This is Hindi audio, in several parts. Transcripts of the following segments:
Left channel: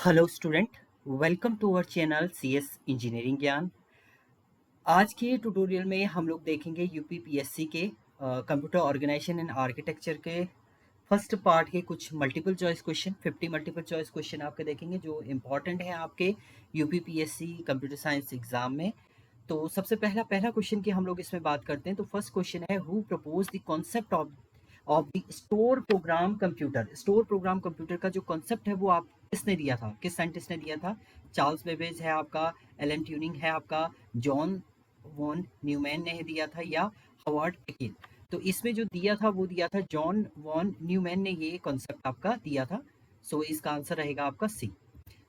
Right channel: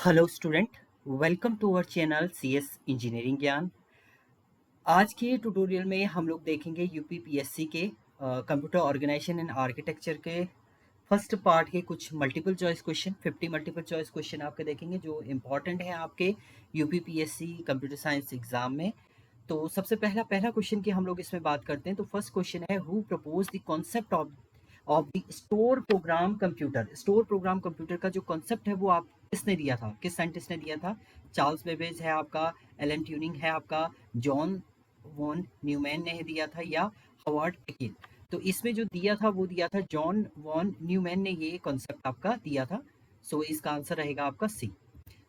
Hello student, welcome to our channel CS engineering Gyan. आज के ट्यूटोरियल में हम लोग देखेंगे यूपीपीएससी के कंप्यूटर ऑर्गेनाइजेशन एंड आर्किटेक्चर के फर्स्ट पार्ट के कुछ multiple choice question 50 multiple choice question आपके देखेंगे जो इम्पॉर्टेंट है आपके यूपीपीएससी कंप्यूटर साइंस एग्जाम में। तो सबसे पहला पहला क्वेश्चन की हम लोग इसमें बात करते हैं। तो फर्स्ट क्वेश्चन है, who propose the concept of the store program computer. Store program computer का जो कॉन्सेप्ट है वो आप किसने दिया था, किस साइंटिस्ट ने दिया था? चार्ल्स बेबेज है आपका, एलन ट्यूरिंग है आपका, जॉन वॉन न्यूमैन ने दिया था, या हॉवर्ड टेकिल। तो इसमें जो दिया था वो दिया था जॉन वॉन न्यूमैन ने ये कॉन्सेप्ट आपका दिया था। सो इसका आंसर रहेगा आपका सी।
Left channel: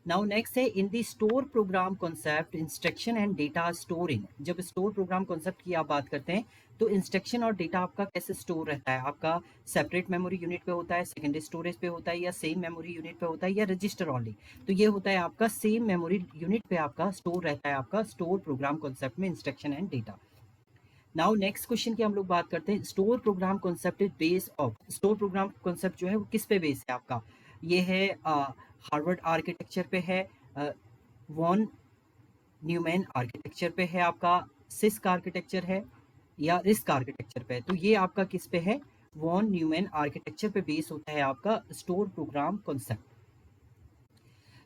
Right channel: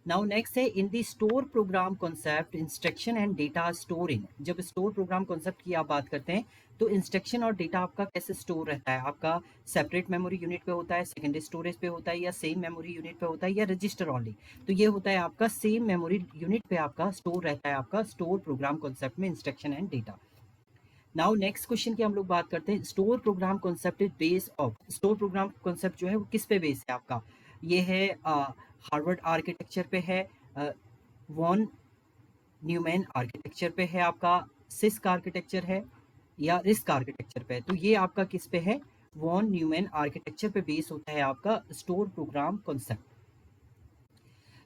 नाउ नेक्स्ट है, in the store program concept instruction and data storing. जब स्टोर प्रोग्राम कॉन्सेप्ट की आप बात करते हैं तो इंस्ट्रक्शन और डेटा आपका कैसे स्टोर रहता है? आपका सेपरेट मेमोरी यूनिट पे होता है, सेकेंडरी स्टोरेज पे होता है, या सेम मेमोरी यूनिट पे होता है, या रजिस्टर ओनली? तो ये होता है आपका सेम मेमोरी यूनिट पे आपका स्टोर रहता है आपका स्टोर प्रोग्राम कॉन्सेप्ट में instruction and data. Now next question की हम लोग बात करते हैं, store program concept is base of. Store program concept जो है वो किस पे बेस है आपका? ये है हार्वर्ड आर्किटेक्चर पे है, वॉन न्यूमैन आर्किटेक्चर पे है आपका, सिस्क आर्किटेक्चर है, या रिस्क आर्किटेक्चर पे है? तो ये आपका किस पे है? वॉन न्यूमैन आर्किटेक्चर पे बेस होता है आपका store program concept.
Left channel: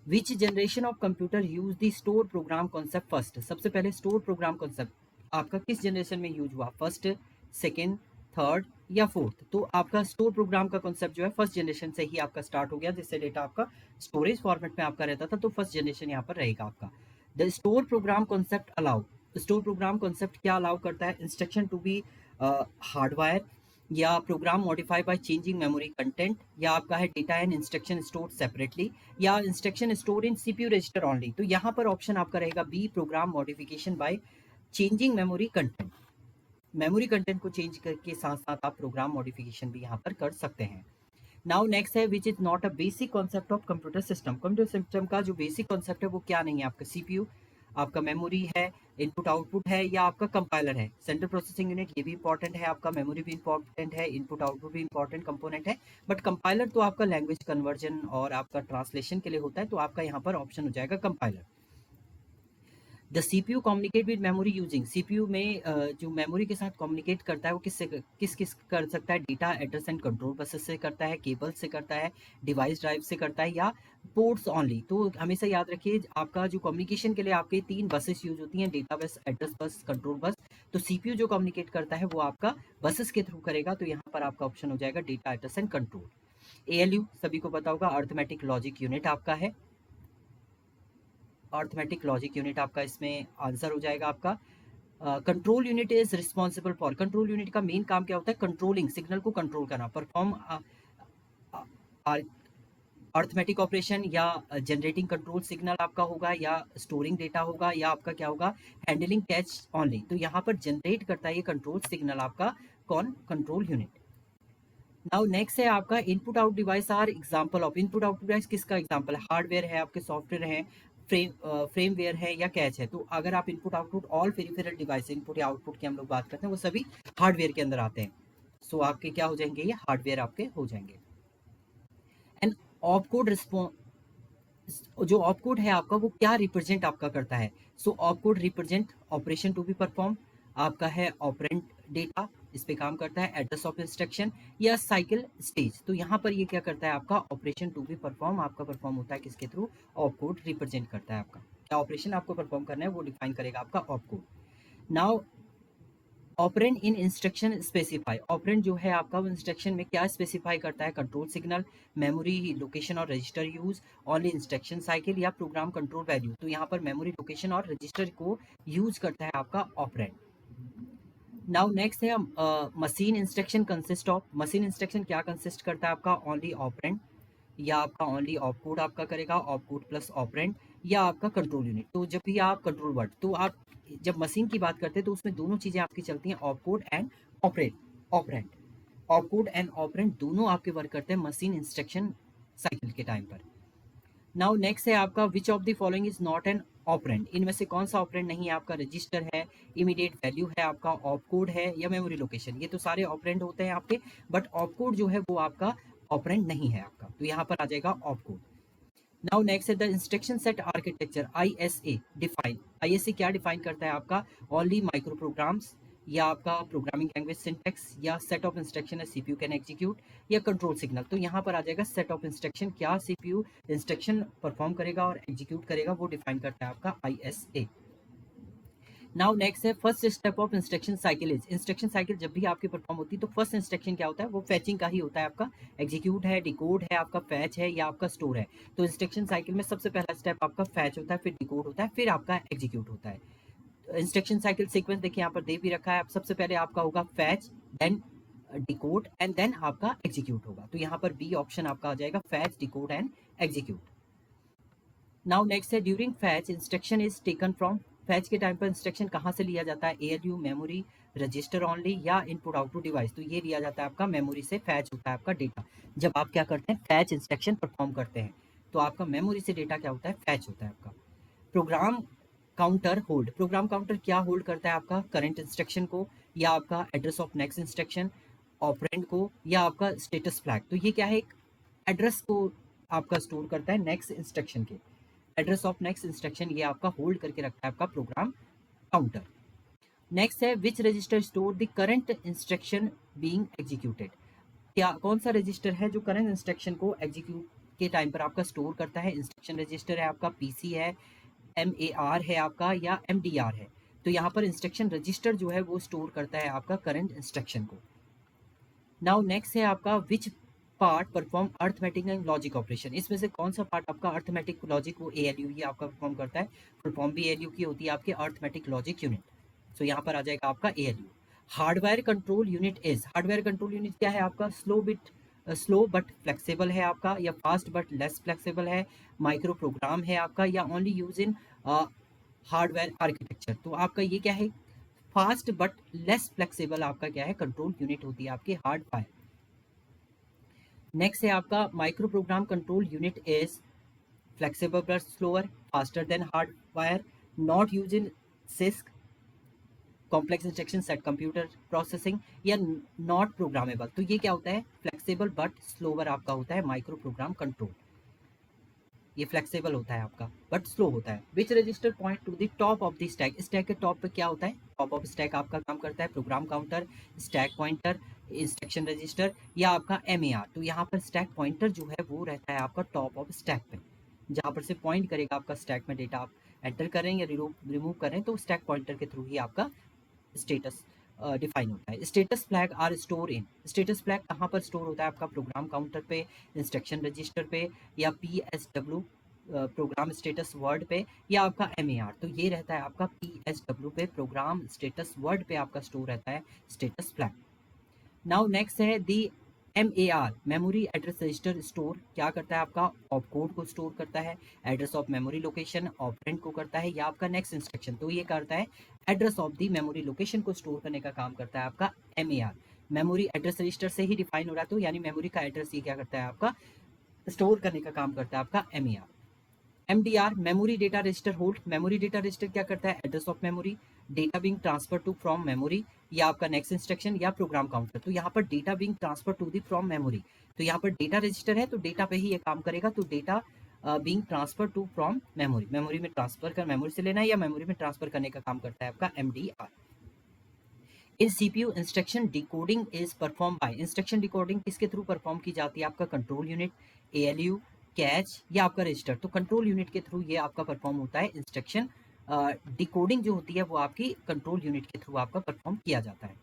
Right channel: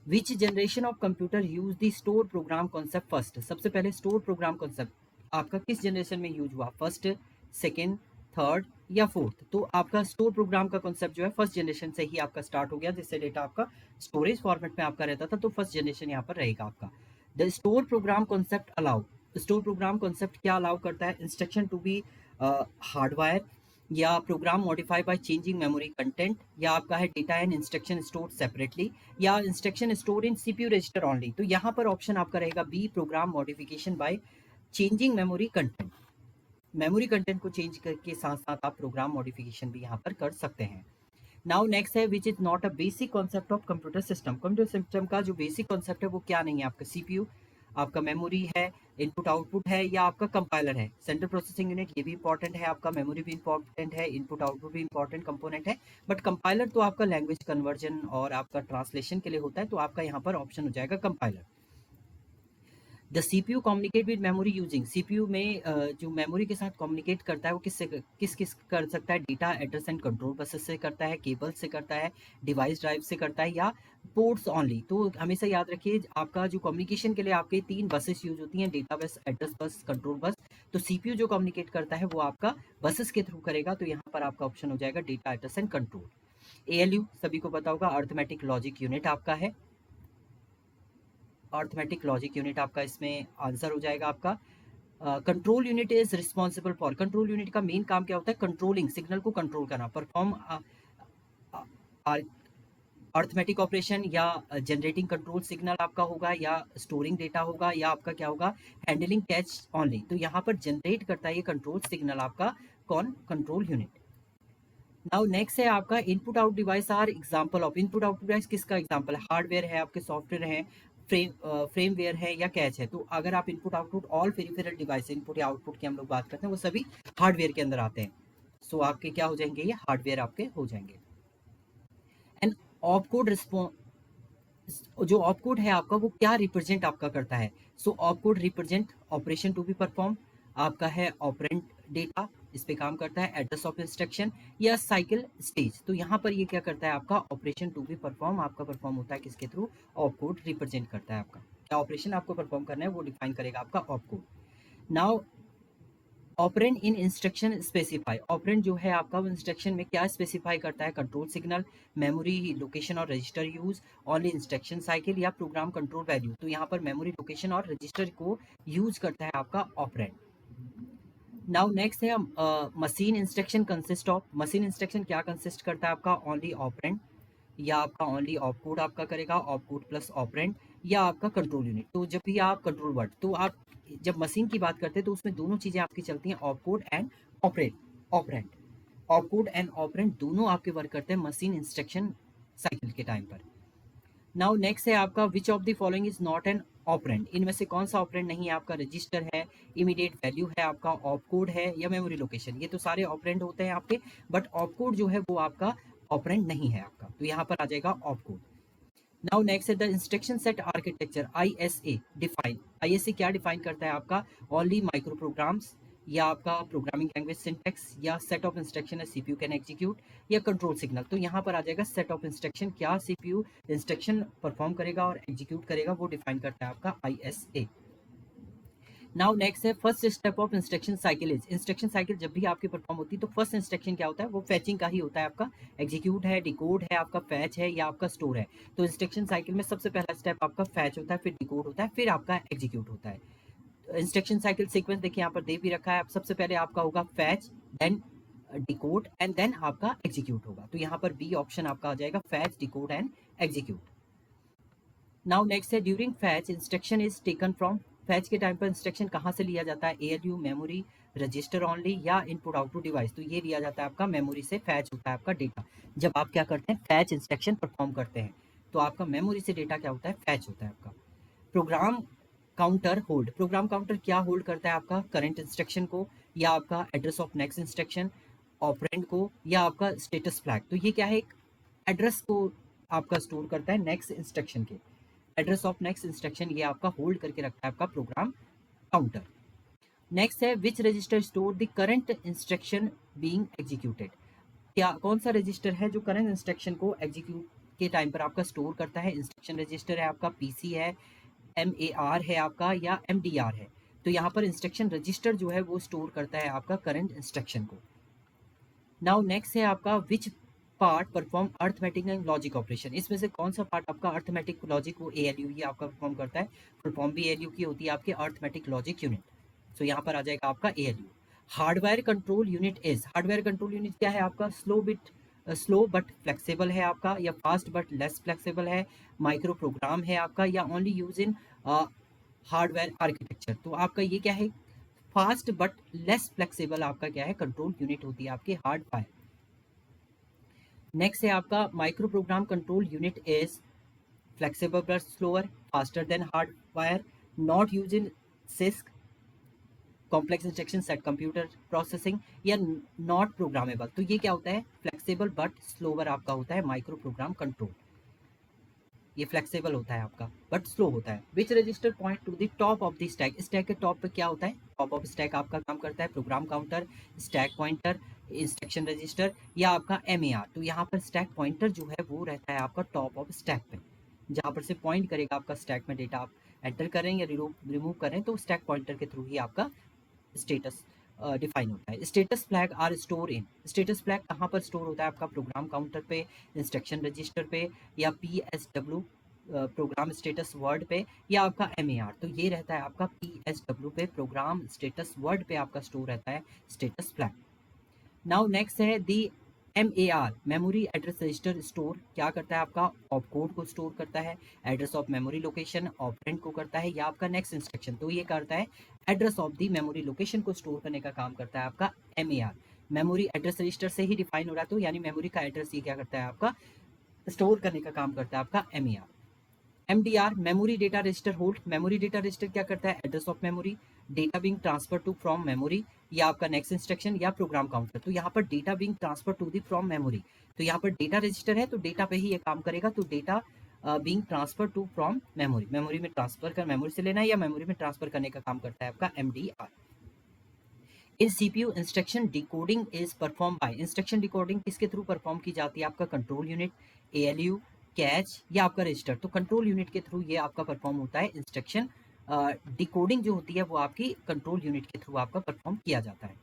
Which generation of computer use the store program concept first? सबसे पहले स्टोर प्रोग्राम कॉन्सेप्ट आपका किस जनरेशन में यूज हुआ? फर्स्ट, सेकेंड, थर्ड, या फोर्थ? तो आपका स्टोर प्रोग्राम का कॉन्सेप्ट जो है फर्स्ट जनरेशन से ही आपका स्टार्ट हो गया, जिससे डेटा आपका स्टोरेज फॉर्मेट में आपका रहता था, तो फर्स्ट जनरेशन यहाँ पर रहेगा आपका। The store program concept allow. Store program concept क्या अलाउ करता है? इंस्ट्रक्शन टू बी हार्डवायर, या program modify by changing memory content, या आपका है data and instruction store separately, या instruction store in CPU register only. तो यहाँ पर ऑप्शन आपका रहेगा B, program modification by changing memory content. Memory content को चेंज करके साथ साथ आप प्रोग्राम मॉडिफिकेशन भी यहाँ पर कर सकते हैं। नाउ नेक्स्ट है, which is not a basic concept of computer system. Computer system का जो बेसिक कॉन्सेप्ट है वो क्या नहीं है? आपका सीपीयू, आपका मेमोरी है, इनपुट आउटपुट है, या आपका कंपाइलर है, सेंट्रल प्रोसेसिंग यूनिट। ये भी इंपॉर्टेंट है आपका, मेमोरी भी इंपॉर्टेंट है, इनपुट आउटपुट भी इंपॉर्टेंट कंपोनेंट है। बट कंपाइलर तो आपका लैंग्वेज कन्वर्जन और आपका ट्रांसलेशन के लिए होता है, तो आपका यहाँ पर ऑप्शन हो जाएगा compiler. The CPU communicate with memory using. CPU में जो मेमोरी के साथ कम्युनिकेट करता है वो किस किस कर सकता है? Data address and control buses से करता है, केबल से करता है, डिवाइस ड्राइव से करता है, या पोर्ट्स ओनली? तो हमेशा याद रखिए, आपका जो कम्युनिकेशन के लिए आपके तीन बसेस यूज होती हैं, data bus, address bus, control bus. तो सीपीयू जो कम्युनिकेट करता है वो आपका बसेस के थ्रू करेगा, तो यहाँ पर आपका ऑप्शन हो जाएगा data address and control. ALU सभी को पता होगा, अर्थमेटिक लॉजिक यूनिट आपका है। अर्थमेटिक लॉजिक यूनिट आपका इसमें आंसर हो जाएगा आपका। Control unit is responsible for, control unit का मेन काम क्या होता है? कंट्रोलिंग, सिग्नल को कंट्रोल करना, परफॉर्म अर्थमेटिक ऑपरेशन, या जनरेटिंग कंट्रोल सिग्नल आपका होगा, या स्टोरिंग डेटा होगा, या आपका क्या होगा? Handling catch only. तो यहाँ पर जनरेट करता है ये कंट्रोल सिग्नल आपका कौन? Control unit. नाउ नेक्स्ट है आपका, input out device are example of. Input out device किसका एग्जांपल है? हार्डवेयर है, आपके सॉफ्टवेयर है, फ्रेमवेयर है, या कैच है? तो अगर आप input output all peripheral device, input या आउटपुट की हम लोग बात करते हैं, वो सभी हार्डवेयर के अंदर आते हैं। सो आपके क्या हो जाएंगे? ये हार्डवेयर आपके हो जाएंगे। एंड ऑपकोड रिस्पॉन्स, जो ऑपकोड है आपका वो क्या रिप्रेजेंट आपका करता है? So opcode represent operation to be perform, आपका है ऑपरेंट डेटा, इस पे काम करता है, एड्रेस ऑफ इंस्ट्रक्शन, या साइकिल स्टेज। तो यहाँ पर ये क्या करता है आपका? ऑपरेशन टू बी परफॉर्म आपका परफॉर्म होता है किसके थ्रू? ऑपकोड रिप्रेजेंट करता है आपका। क्या ऑपरेशन आपको परफॉर्म करना है वो डिफाइन करेगा आपका ऑपकोड। नाउ ऑपरेंड इन इंस्ट्रक्शन स्पेसिफाई। ऑपरेंड जो है आपका वो इंस्ट्रक्शन में क्या स्पेसिफाई करता है? कंट्रोल सिग्नल, मेमोरी लोकेशन और register use, only instruction cycle, या प्रोग्राम कंट्रोल वैल्यू। तो यहाँ पर मेमोरी लोकेशन और रजिस्टर को यूज करता है आपका ऑपरेंड। नाउ नेक्स्ट है, machine instruction consist of. Machine instruction क्या कंसिस्ट करता है आपका? ओनली ऑपरेंड, या आपका ओनली ऑपकोड आपका करेगा, ऑपकोड प्लस ऑपरेंड, या आपका कंट्रोल यूनिट। तो जब भी आप कंट्रोल वर्ड, तो आप जब मशीन की बात करते हैं तो उसमें दोनों चीजें आपकी चलती हैं, opcode and operand. Operand, opcode and operand दोनों आपके वर्क करते हैं मशीन इंस्ट्रक्शन साइकिल के टाइम पर। नाउ नेक्स्ट है आपका, which of the following is not an operand. इनमें से कौन सा ऑपरेंड नहीं है आपका? रजिस्टर है, इमीडिएट वैल्यू है आपका, ऑपकोड है, या मेमोरी लोकेशन। ये तो सारे ऑपरेंड होते हैं आपके, बट ऑपकोड जो है वो आपका ऑपरेंड नहीं है आपका, तो यहाँ पर आ जाएगा ऑपकोड। नाउ नेक्स्ट है the instruction set architecture ISA define. ISA क्या डिफाइन करता है आपका? ओनली माइक्रो प्रोग्राम्स या आपका प्रोग्रामिंग लैंग्वेज सिंटेक्स या सेट ऑफ इंस्ट्रक्शन है सीपीयू कैन एग्जीक्यूट या कंट्रोल सिग्नल। तो यहाँ पर आ जाएगा सेट ऑफ इंस्ट्रक्शन, क्या सीपीयू इंस्ट्रक्शन परफॉर्म करेगा और एग्जीक्यूट करेगा वो डिफाइन करता है आपका ISA। नाउ नेक्स्ट है first step of instruction cycle is. Instruction cycle जब भी आपकी परफॉर्म होती है तो फर्स्ट इंस्ट्रक्शन क्या होता है? वो फैचिंग का ही होता है आपका। एग्जीक्यूट है, डिकोड है, आपका फैच है या आपका स्टोर है। तो इंस्ट्रक्शन साइकिल में सबसे पहला स्टेप आपका फैच होता है, फिर डिकोड होता है, फिर आपका एग्जीक्यूट होता है। इंस्ट्रक्शन साइकिल सीक्वेंस देखिए यहाँ पर दे भी रखा है। सबसे पहले आपका होगा fetch, then decode and then आपका एग्जीक्यूट होगा। तो यहाँ पर बी ऑप्शन आपका आ जाएगा, fetch, decode and execute. Now next है during fetch instruction is taken from. Fetch के टाइम पर इंस्ट्रक्शन कहाँ से लिया जाता है? ALU, मेमोरी, रजिस्टर ओनली या इनपुट आउटपुट डिवाइस। तो ये लिया जाता है आपका मेमोरी से। फैच होता है आपका डेटा। जब आप क्या करते हैं? फैच इंस्ट्रक्शन परफॉर्म करते हैं तो आपका मेमोरी से डेटा क्या होता है? फैच होता है आपका। Program counter hold. Program counter क्या होल्ड करता है आपका? करंट इंस्ट्रक्शन को या आपका address of next instruction, operand को या आपका स्टेटस फ्लैग। तो ये क्या है? एक एड्रेस को आपका स्टोर करता है नेक्स्ट इंस्ट्रक्शन के। एड्रेस ऑफ नेक्स्ट इंस्ट्रक्शन ये आपका होल्ड करके रखता है आपका प्रोग्राम काउंटर। नेक्स्ट है which register store the current instruction being executed. क्या कौन सा रजिस्टर है जो करंट इंस्ट्रक्शन को एग्जीक्यूट के टाइम पर आपका स्टोर करता है? इंस्ट्रक्शन रजिस्टर है आपका, PC है, MAR है आपका या MDR है। तो यहाँ पर इंस्ट्रक्शन रजिस्टर जो है वो स्टोर करता है आपका करंट इंस्ट्रक्शन को। नाउ नेक्स्ट है आपका which part perform arithmetic and logic operation. इसमें से कौन सा पार्ट आपका अर्थमेटिक लॉजिक वो ALU ही आपका परफॉर्म करता है। परफॉर्म भी ALU की होती है आपके अर्थमेटिक लॉजिक यूनिट। तो यहाँ पर आ जाएगा आपका ALU। Hardware control unit is. Hardware control unit क्या है आपका? स्लो बट फ्लेक्सिबल है आपका, या फास्ट बट लेस फ्लेक्सिबल है, माइक्रो प्रोग्राम है आपका, या only use in hardware architecture. तो आपका ये क्या है? फास्ट बट लेस फ्लेक्सिबल आपका क्या है? कंट्रोल यूनिट होती है आपकी हार्डवेयर। नेक्स्ट है आपका micro program control unit is flexible but slower, faster than hardwire, not use in six complex instruction set computer processing, या नॉट प्रोग्रामेबल। तो ये क्या होता है? फ्लेक्सिबल बट स्लोअर आपका होता है माइक्रो प्रोग्राम कंट्रोल। ये फ्लेक्सिबल होता है आपका बट स्लो होता है। Which register point to the top of the stack. Stack के टॉप पे क्या होता है? टॉप ऑफ स्टैक आपका काम करता है program counter, stack pointer, instruction register या आपका MAR। तो यहाँ पर स्टैक पॉइंटर जो है वो रहता है आपका टॉप ऑफ स्टैक पे, जहाँ पर से पॉइंट करेगा आपका स्टैक में डेटा आप एंटर करें या रिमूव करें तो स्टैक पॉइंटर के थ्रू ही आपका स्टेटस डिफाइन होता है। Status flag are store in. Status flag कहाँ पर स्टोर होता है आपका? प्रोग्राम काउंटर पे, इंस्ट्रक्शन रजिस्टर पे, या PSW प्रोग्राम स्टेटस वर्ड पे, या आपका MAR। तो ये रहता है आपका PSW पे, प्रोग्राम स्टेटस वर्ड पे आपका स्टोर रहता है स्टेटस फ्लैग। नाउ नेक्स्ट है दी MAR memory address register store क्या करता है आपका? ऑपकोड को स्टोर करता है, address of memory location operand को करता है, या आपका नेक्स्ट इंस्ट्रक्शन। तो ये करता है address of the memory location को स्टोर करने का काम करता है आपका MAR। मेमोरी एड्रेस रजिस्टर से ही डिफाइन हो रहा है, तो यानी मेमोरी का एड्रेस ये क्या करता है आपका? स्टोर करने का काम करता है आपका MAR। MDR memory data register hold. Memory data register क्या करता है? Address of memory, data being transfer to from memory, या आपका नेक्स्ट इंस्ट्रक्शन या प्रोग्राम काउंटर। तो यहाँ पर data being transfer to the from memory. तो यहाँ पर डेटा रजिस्टर है तो डेटा पे ही ये काम करेगा। तो data being transfer to from memory, memory में ट्रांसफर कर मेमोरी से लेना है या मेमोरी में ट्रांसफर करने का काम करता है आपका MDR। In CPU instruction decoding is perform by. Instruction decoding किसके थ्रू परफॉर्म की जाती है? आपका कंट्रोल यूनिट, ALU, कैच या आपका रजिस्टर। तो कंट्रोल यूनिट के थ्रू ये आपका परफॉर्म होता है इंस्ट्रक्शन डिकोडिंग जो होती है वो आपकी कंट्रोल यूनिट के थ्रू आपका परफॉर्म किया जाता है।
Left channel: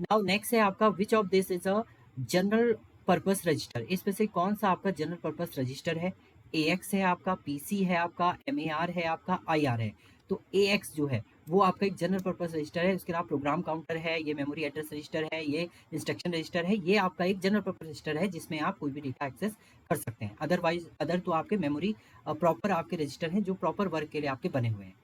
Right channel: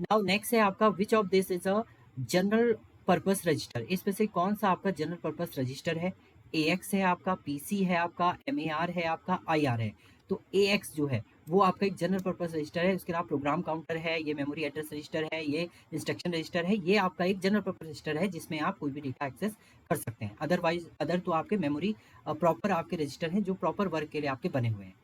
नाउ नेक्स्ट है आपका which of this is a general purpose register. इसमें से कौन सा आपका जनरल पर्पस रजिस्टर है? AX है आपका, PC है आपका, MAR है आपका, IR है। तो AX जो है वो आपका एक जनरल पर्पस रजिस्टर है। इसके अलावा प्रोग्राम काउंटर है, ये मेमोरी एड्रेस रजिस्टर है, ये इंस्ट्रक्शन रजिस्टर है। ये आपका एक जनरल पर्पस रजिस्टर है जिसमें आप कोई भी डेटा एक्सेस कर सकते हैं। अदरवाइज अदर तो आपके मेमोरी प्रॉपर आपके रजिस्टर हैं जो प्रॉपर वर्क के लिए आपके बने हुए हैं।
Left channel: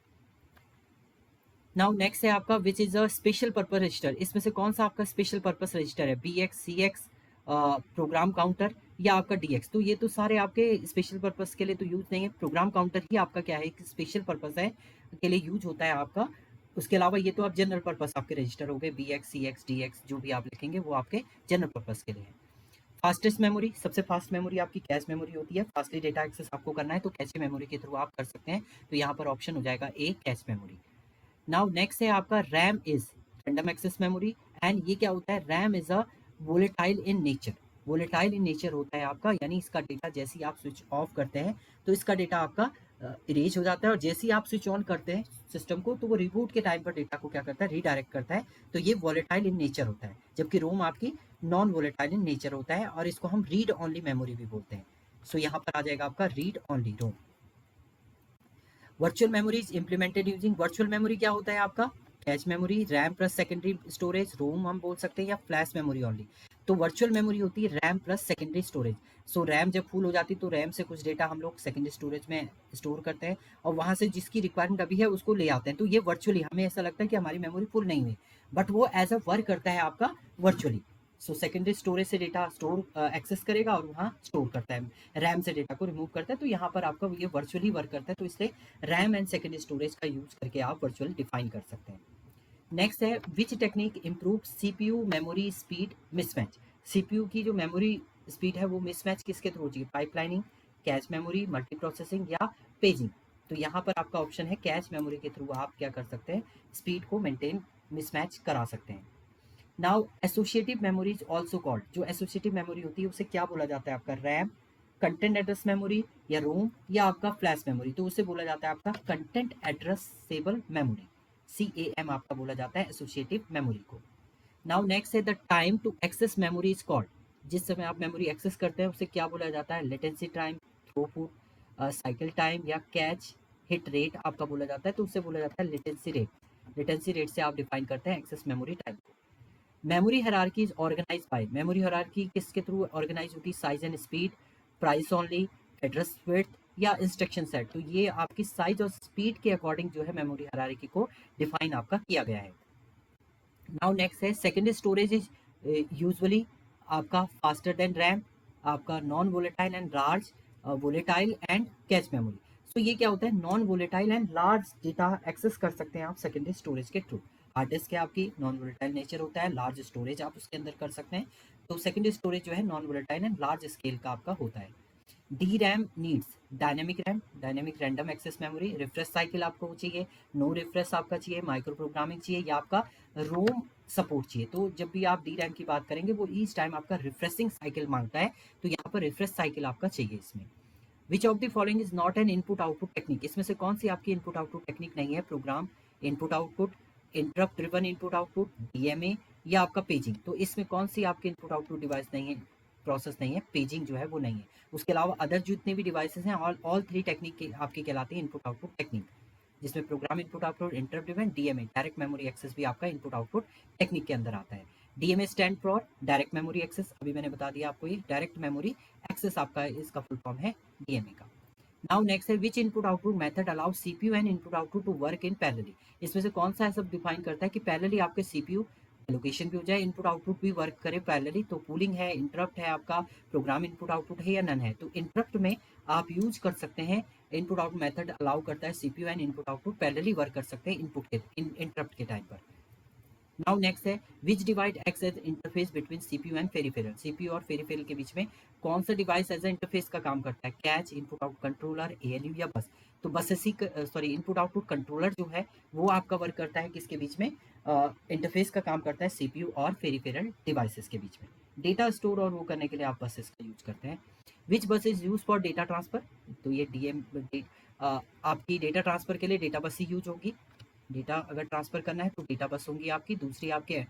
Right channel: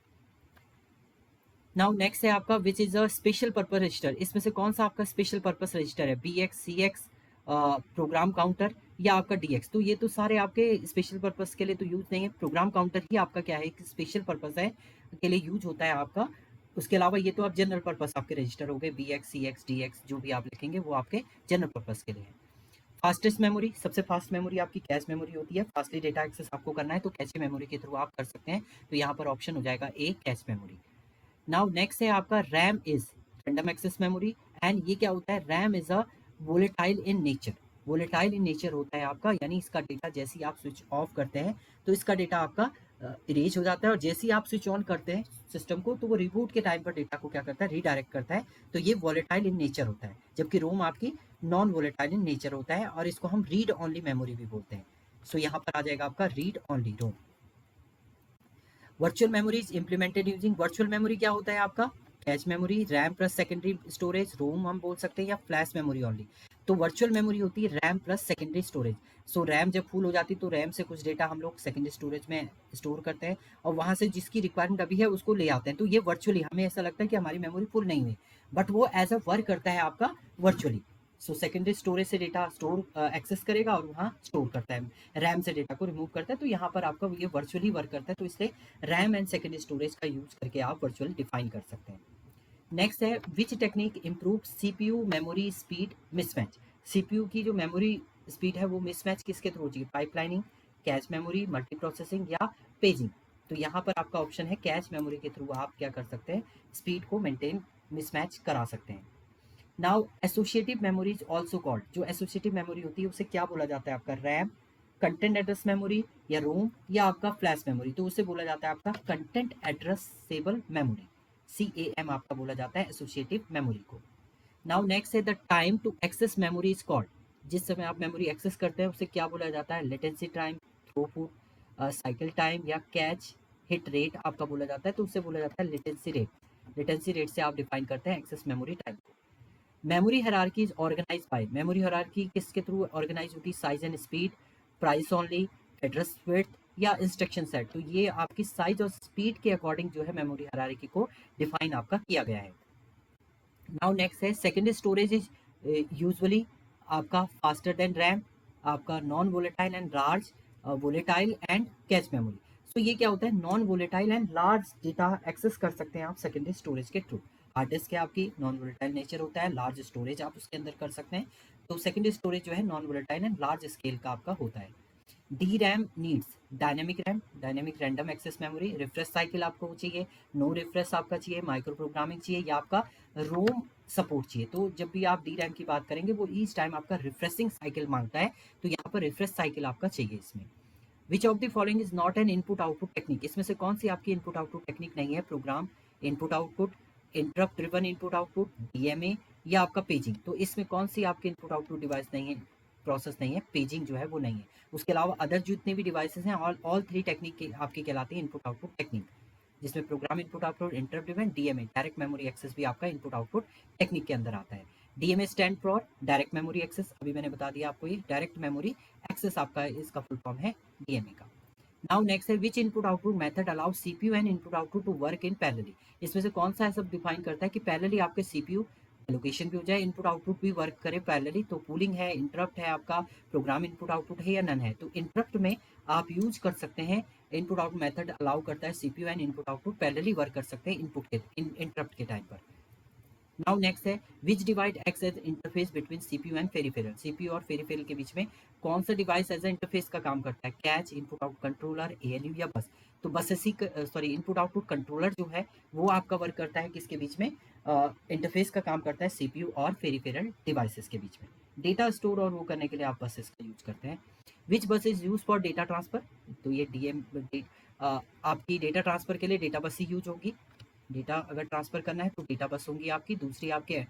नाउ नेक्स्ट है आपका which is a special purpose register. इसमें से कौन सा आपका स्पेशल पर्पस रजिस्टर है? BX, CX, प्रोग्राम काउंटर या आपका DX। तो ये तो सारे आपके स्पेशल पर्पस के लिए तो यूज नहीं है। प्रोग्राम काउंटर ही आपका क्या है? स्पेशल पर्पस है के लिए यूज होता है आपका। उसके अलावा ये तो आप जनरल पर्पस आपके रजिस्टर हो गए, BX, CX, DX जो भी आप लिखेंगे वो आपके जनरल पर्पस के लिए है। फास्टेस्ट मेमोरी, सबसे फास्ट मेमोरी आपकी कैश मेमोरी होती है। फास्टली डेटा एक्सेस आपको करना है तो कैश मेमोरी के थ्रू आप कर सकते हैं, तो यहाँ पर ऑप्शन हो जाएगा A, cache memory. Now next है आपका RAM is random access memory. And ये क्या होता है, RAM is a volatile in nature. Volatile in nature होता है आपका, यानी इसका डेटा जैसे ही आप स्विच ऑफ करते हैं तो इसका डेटा आपका इरेज हो जाता है, और जैसे ही आप स्विच ऑन करते हैं सिस्टम को तो वो रिबूट के टाइम पर डेटा को क्या करता है, रीडायरेक्ट करता है। तो ये वोलेटाइल इन नेचर होता है, जबकि रोम आपकी नॉन वोलेटाइल इन नेचर होता है, और इसको हम रीड ऑनली मेमोरी भी बोलते हैं। सो यहाँ पर आ जाएगा आपका read only ROM. Virtual memory is implemented using, virtual memory क्या होता है आपका, cache memory, RAM plus secondary storage, ROM हम बोल सकते हैं, या फ्लैश मेमोरी ओनली। तो वर्चुअल मेमोरी होती है RAM plus secondary storage. So RAM जब फुल हो जाती है तो रैम से कुछ डेटा हम लोग सेकेंडरी स्टोरेज में स्टोर करते हैं, और वहाँ से जिसकी रिक्वायरमेंट अभी है उसको ले आते हैं। तो ये वर्चुअली हमें ऐसा लगता है कि हमारी मेमोरी फुल नहीं हुई, बट वो एज अ वर्क करता है आपका वर्चुअली। सो सेकेंडरी स्टोरेज से डेटा स्टोर एक्सेस करेगा और वहाँ स्टोर करता है, रैम से डेटा को रिमूव करता है। तो यहाँ पर आपका ये वर्चुअली वर्क करता है, तो इसलिए रैम एंड सेकेंडरी स्टोरेज का यूज करके आप वर्चुअल डिफाइन कर सकते हैं। नेक्स्ट है which technique improve CPU memory speed mismatch. CPU की जो मेमोरी स्पीड है वो मिसमैच किसके थ्रू होती है, pipelining, cache memory, multi processing, या पेजिंग। तो यहाँ पर आपका ऑप्शन है कैश मेमोरी के थ्रू आप क्या कर सकते हैं, स्पीड को मेंटेन मिसमैच करा सकते हैं। Now associative memory is also called, जो एसोसिएटिव मेमोरी होती है उसे क्या बोला जाता है, आपका रैम, कंटेंट एड्रेस मेमोरी, या रोम, या आपका फ्लैश मेमोरी। तो उसे बोला जाता है आपका कंटेंट एड्रेसेबल मेमोरी, CAM आपका बोला जाता है एसोसिएटिव मेमोरी को। नाउ नेक्स्ट है the time to access memory is called, जिस समय आप मेमोरी एक्सेस करते हैं उसे क्या बोला जाता है, latency time, throughput, cycle time, या कैच हिट रेट आपका बोला जाता है। तो उसे बोला जाता है लेटेंसी रेट। लेटेंसी रेट से आप डिफाइन करते हैं access memory time. Memory hierarchy is organise by, memory hierarchy किसके थ्रू ऑर्गेनाइज होती है, size and speed, price only, address width, या इंस्ट्रक्शन सेट। तो ये आपकी साइज और स्पीड के अकॉर्डिंग जो है मेमोरी हायरार्की को डिफाइन आपका किया गया है। नाउ नेक्स्ट है सेकेंडरी स्टोरेज इज यूजुअली आपका फास्टर देन रैम, आपका non volatile and large volatile and cache memory. So ये क्या होता है, non volatile and large data access कर सकते हैं आप सेकेंडरी स्टोरेज के थ्रू। हार्ड डिस्क है आपकी नॉन वोलेटाइल नेचर होता है, लार्ज स्टोरेज आप उसके अंदर कर सकते हैं। तो सेकेंडरी स्टोरेज जो है non volatile and large scale का आपका होता है। D RAM needs dynamic RAM, dynamic random access memory, refresh cycle आपको चाहिए, नो रिफ्रेश आपका चाहिए, माइक्रो प्रोग्रामिंग चाहिए, या आपका रोम सपोर्ट चाहिए। तो जब भी आप डी रैम की बात करेंगे वो ईच टाइम आपका रिफ्रेशिंग साइकिल मांगता है, तो यहाँ पर रिफ्रेश साइकिल आपका चाहिए इसमें। Which of the following is not an input output technique, इसमें से कौन सी आपकी इनपुट आउटपुट टेक्निक नहीं है, program input output, interrupt driven input output, DMA, या आपका पेजिंग। तो इसमें कौन सी आपकी इनपुट आउटपुट डिवाइस नहीं है, प्रोसेस नहीं है, पेजिंग जो है वो नहीं है। उसके अलावा अदर जितने भी डिवाइसेस हैं ऑल थ्री टेक्निक के आपकी कहलाती है इनपुट आउटपुट टेक्निक, जिसमें program input output, interrupt driven, DMA direct memory access भी आपका इनपुट आउटपुट टेक्निक के अंदर आता है। DMA stand for direct memory access, अभी मैंने बता दिया आपको, ये डायरेक्ट मेमोरी एक्सेस आपका इसका फुल फॉर्म है DMA का। नाउ नेक्स्ट है which input output method allow CPU and input output to work in parallelly, इसमें से कौन सा सब डिफाइन करता है कि पैरेलली आपके सीपीयू एलोकेशन भी हो जाए, इनपुट आउटपुट भी वर्क करे पैरेलली। तो कूलिंग है, इंटरप्ट है आपका, प्रोग्राम इनपुट आउटपुट है, या नन है। तो इंटरप्ट में आप यूज कर सकते हैं, इनपुट आउटपुट मेथड अलाउ करता है CPU and input output parallelly work कर सकते हैं इनपुट के इंटरप्ट के टाइम पर। नाउ नेक्स्ट है which device acts as interface between CPU and peripheral, CPU और पेरिफेरल के बीच में कौन सा डिवाइस एज ए इंटरफेस का काम करता है, catch, input output controller, ALU, या बस। तो बस इसी सॉरी इनपुट आउटपुट कंट्रोलर जो है वो आपका वर्क करता है किसके बीच में, इंटरफेस का काम करता है सीपीयू और पेरिफेरल डिवाइसेस के बीच में। डेटा स्टोर और वो करने के लिए आप बसेस का यूज करते हैं। विच बस is use for data transfer, तो ये आपकी डेटा ट्रांसफर के लिए डेटा बस ही यूज होगी। डेटा अगर ट्रांसफर करना है तो डेटा बस होंगी आपकी। दूसरी आपके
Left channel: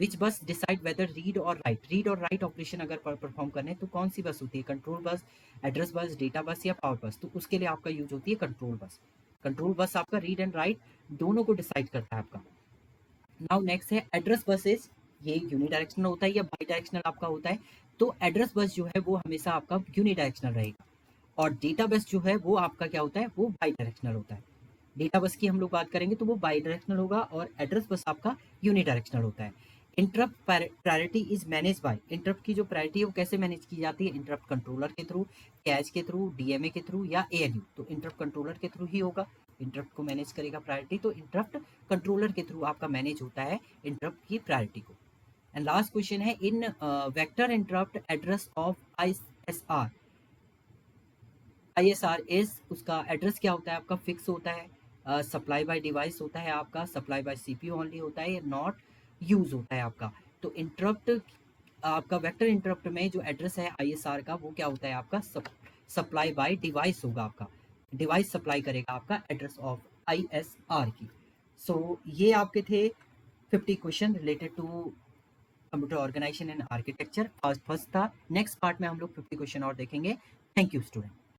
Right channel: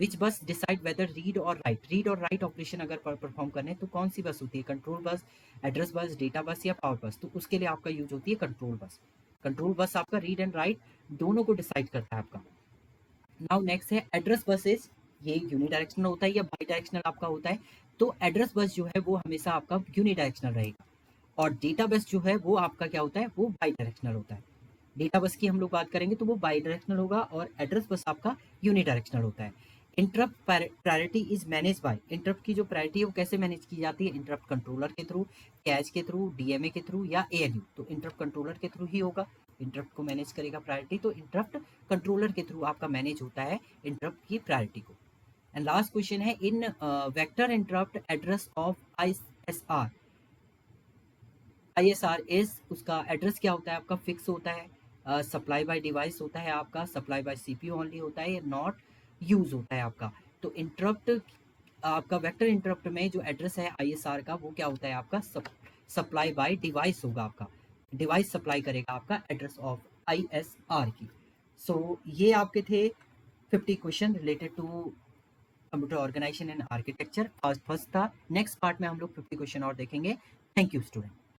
विच बस डिसाइड वेदर रीड और राइट ऑपरेशन अगर परफॉर्म करने तो कौन सी बस होती है, control bus, address bus, data bus, या पावर बस। तो उसके लिए आपका यूज होती है कंट्रोल बस। कंट्रोल बस आपका रीड एंड राइट दोनों को डिसाइड करता है आपका। नाउ नेक्स्ट है एड्रेस बसेस, ये यूनिडायरेक्शनल होता है या बाई डायरेक्शनल आपका होता है। तो एड्रेस बस जो है वो हमेशा आपका यूनिडायरेक्शनल रहेगा, और डेटा बस जो है वो आपका क्या होता है, वो बाई डायरेक्शनल होता है। डेटा बस की हम लोग बात करेंगे तो वो बाई डायरेक्शनल होगा, और एड्रेस बस आपका यूनिडायरेक्शनल होता है। Interrupt priority is manage by, interrupt की जो प्रायोरिटी है वो कैसे मैनेज की जाती है, इंटरप्ट कंट्रोलर के थ्रू, कैश के थ्रू, DMA के थ्रू, या ALU। तो इंटरप्ट कंट्रोलर के थ्रू ही होगा, इंटरप्ट को मैनेज करेगा प्रायोरिटी, तो इंटरप्ट कंट्रोलर के थ्रू आपका मैनेज होता है इंटरप्ट की प्रायोरिटी को। एंड लास्ट क्वेश्चन है, इन vector interrupt address of ISR। ISR is, उसका एड्रेस क्या होता है आपका, फिक्स होता है, सप्लाई बाय डिवाइस होता है आपका, सप्लाई बाय सीपीयू ओनली होता है, नॉट यूज होता है आपका। तो इंटरप्ट, आपका वेक्टर इंटरप्ट में जो एड्रेस है ISR का, वो क्या होता है आपका, सप्लाई बाय डिवाइस होगा आपका, डिवाइस सप्लाई करेगा आपका एड्रेस ऑफ ISR की। सो ये आपके थे 50 question related to computer organisation and architecture. First था, नेक्स्ट पार्ट में हम लोग 50 क्वेश्चन और देखेंगे। Thank you student.